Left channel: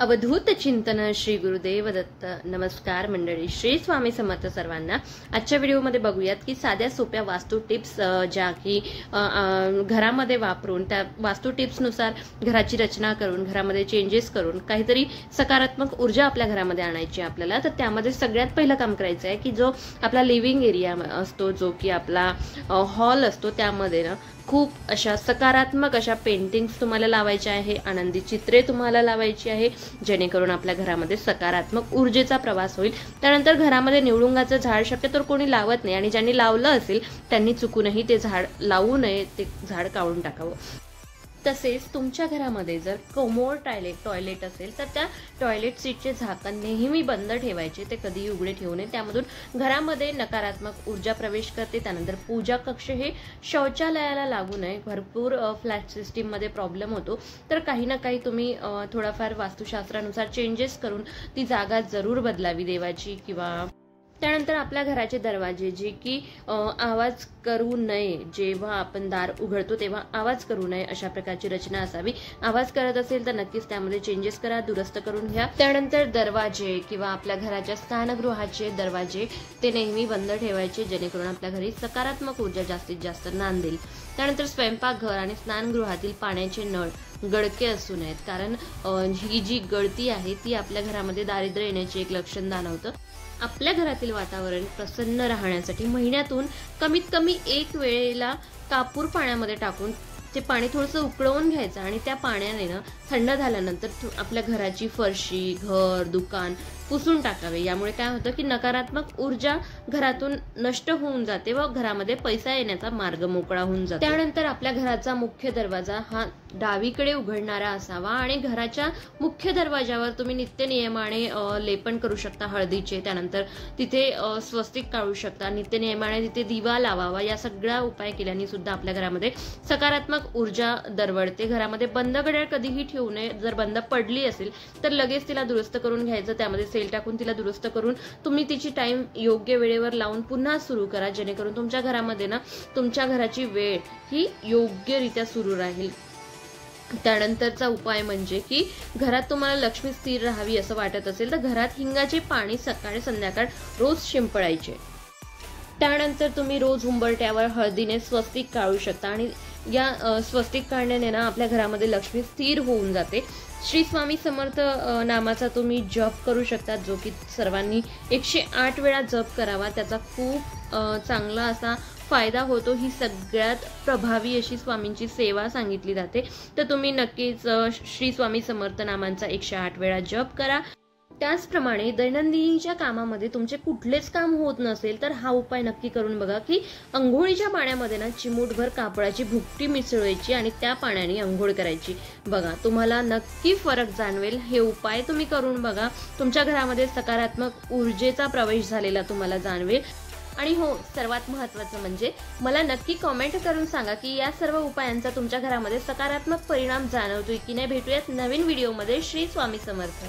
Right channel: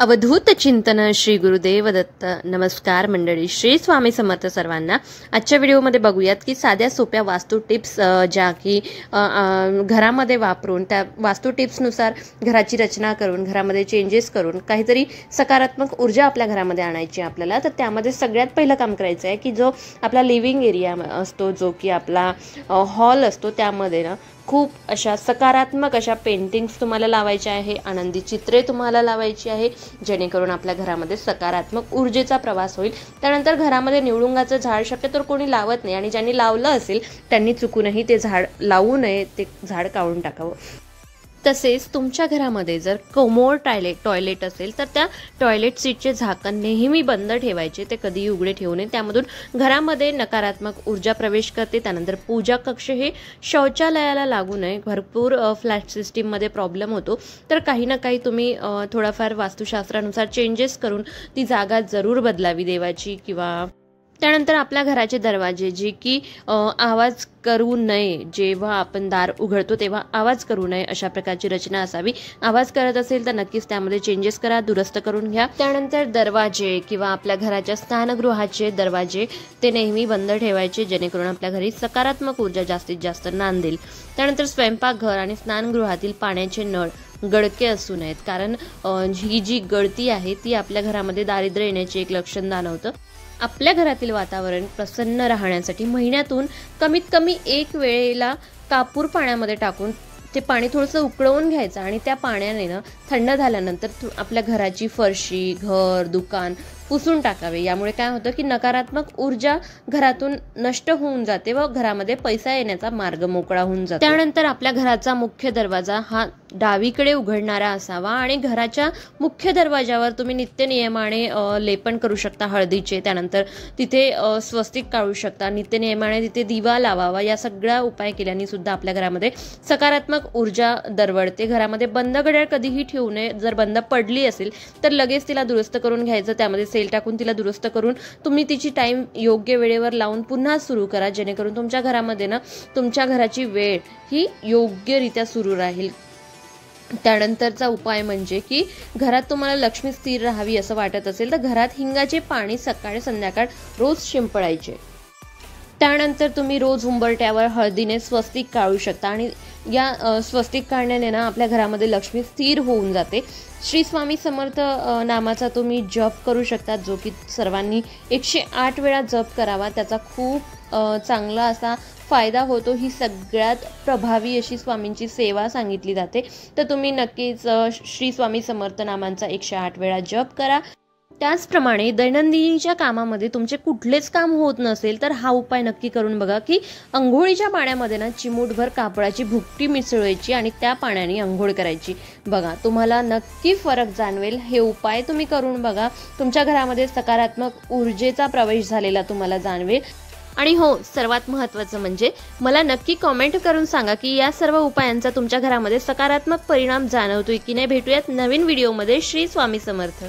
अवधूत चिंतन श्री गुरुदेव दत्त. नमस्कार मंडळी, श्री स्वामी समर्थ सर्वांना. आजच्या व्हिडिओमध्ये बघूयात की साध्या सोप्या वास्तू टिप्स ज्या की घरामध्ये वापरून त्या वास्तू टिप्सनुसार घराची रचना करून घरामध्ये चेंजेस करून काहीतरी सकारात्मक ऊर्जा आपल्या घरामध्ये आणायची आपल्याला. तर त्यामध्ये सगळ्यात पहिलं काम करायचं आहे की जो आपला लिव्हिंग एरिया असतो, जो की आपला हॉल असतो, त्यामध्ये ना खूप अशा सकारात्मक अशा पेंटिंग्स तुम्हाला लावायच्या आहे, आनंदी चित्रे तुम्हाला लावायची आहे, जेणेकरून आपल्या घरामध्ये सकारात्मक ऊर्जेचा प्रवास होईल. त्यानंतर घरामध्ये निवडुंगाचं झाड शक्यतो कोणी लावत नाही आणि ज्यांनी लावलं असेल त्यांनी चुकूनही ते झाड लावू नये, ते झाड काढून टाकावं. तसेच तुमच्या घरामध्ये जर कोमोड टॉयलेट असेल तर त्या टॉयलेट सीटचे झाकण नेहमी बंद ठेवायचे, ते कधीही उघडे ठेवू नये. त्यामधून घरामध्ये नकारात्मक ऊर्जा प्रवेश करते. त्यानंतर पूजा कक्ष हे शौचालयाला लागू नये. भरपूर फ्लॅट सिस्टीममध्ये प्रॉब्लेम होतो, तर काही ना काही तुम्ही थोडाफार वास्तुशास्त्रानुसार चेंजेस करून ती जागा जरूर बदलावी देवाची. किंवा त्यानंतर आपल्या घराचे दरवाजे जे की आवाज करू नये, जेव्हा आपण दार उघडतो तेव्हा आवाज करू नये अशा प्रकारची रचना असावी. आवाज करत असेल तर नक्कीच त्यामध्ये चेंजेस करा, दुरुस्त करून घ्या. त्यानंतर दरवाजे किंवा आपल्या घराच्या स्नानगृहाचे दरवाजे ते नेहमी बंद ठेवायचे, जेणेकरून आपल्या घरी सकारात्मक ऊर्जा जास्तीत जास्त नांदेल. त्यानंतर स्वयंपाकघर आणि स्नानगृहातील पाण्याचे नळ गळके असू नयेत, कारण ही जी गळती आहे ती आपल्या घरामध्ये दारिद्र्य येण्याचे एक लक्षण जाणवतं. आपल्या घरातील वातावरण प्रसन्न राहण्यासाठी महिन्यातून कमीत कमी एक वेळेला कापूर पाण्यामध्ये टाकून ते पाणी थोडंसं उकळवून घ्यायचं आणि त्या पाण्याने ना थंड झाल्यानंतर आपल्या घराची फरशी, घर, दुकान पुसून टाकावे. यामुळे काय होतं की नकारात्मक ऊर्जा घरातून नष्ट होऊन जाते व घरामध्ये पैसा येण्याचा मार्ग मोकळा होऊन जातो. त्यानंतर आपल्या घराचा मुख्य दरवाजा हा डावीकडे उघडणारा असावा आणि घराच्या मुख्य दरवाजावर तुम्ही नित्य नियमाने लेपन करू शकता हळदीचे. त्यानंतर तिथे स्वस्तिक काढू शकता, नित्य नियमाने तिथे दिवा लावावा. या सगळ्या उपाय केल्याने सुद्धा आपल्या घरामध्ये सकारात्मक ऊर्जा दरवळते. घरामध्ये बंद घड्याळ कधीही ठेवू नये. जर बंद पडली असेल तर लगेच तिला दुरुस्त करून घ्यायचं, त्यामध्ये सेल टाकून तिला दुरुस्त करून तुम्ही तिची टाइम योग्य वेळेवर लावून पुन्हा सुरू करा, जेणेकरून तुमच्या घरामध्ये ना तुमच्या घराची वेळ ही योग्यरित्या सुरू राहील. त्यानंतरचा उपाय म्हणजे की घरात तुम्हाला लक्ष्मी स्थिर राहावी असं वाटत असेल तर घरात हिंगाचे पाणी सकाळी संध्याकाळ रोज शिंपडायचे. त्यानंतर तुम्ही रोज उंबरट्यावर हळदीने स्वस्तिक काढू शकता आणि या स्वस्तिक काढण्याने ना आपल्या घरामध्ये लक्ष्मी स्थिर होऊन जाते. श्री स्वामी समर्थ नामाचा तुम्ही जप करू शकता, जो की सर्वांनी 108 वेळा जप करावा. त्याचा खूप चांगला असा फायदा होतो. ही सगळ्यात प्रभावी अशी स्वामींची सेवा सांगितली जाते. तर तुम्ही नक्कीच श्री स्वामी समर्थ नामांचा 108 वेळा जप करा. त्याचप्रमाणे दैनंदिनीच्या कामामध्ये तुमचे कुठलेच काम होत नसेल तर हा उपाय नक्की करून बघा की अंघोळीच्या पाण्यामध्ये ना चिमूटभर कापडाची भुकटी मिसळायची आणि त्या पाण्याने अंघोळ करायची. बघा, तुम्हाला नक्की फरक जाणवेल. हे उपाय तुम्ही करून बघा. तुमच्या घरामध्ये सकारात्मक ऊर्जेचा प्रवेश झालेला तुम्हाला जाणवेल. आणि हो, सर्वात महत्त्वाचं म्हणजे मला नक्की कमेंट करून सांगा की या सर्व उपायांचा तुमच्या घरामध्ये सकारात्मक परिणाम जाणवतोय की नाही. भेटूयात नवीन व्हिडिओमध्ये. श्री स्वामी समर्थ.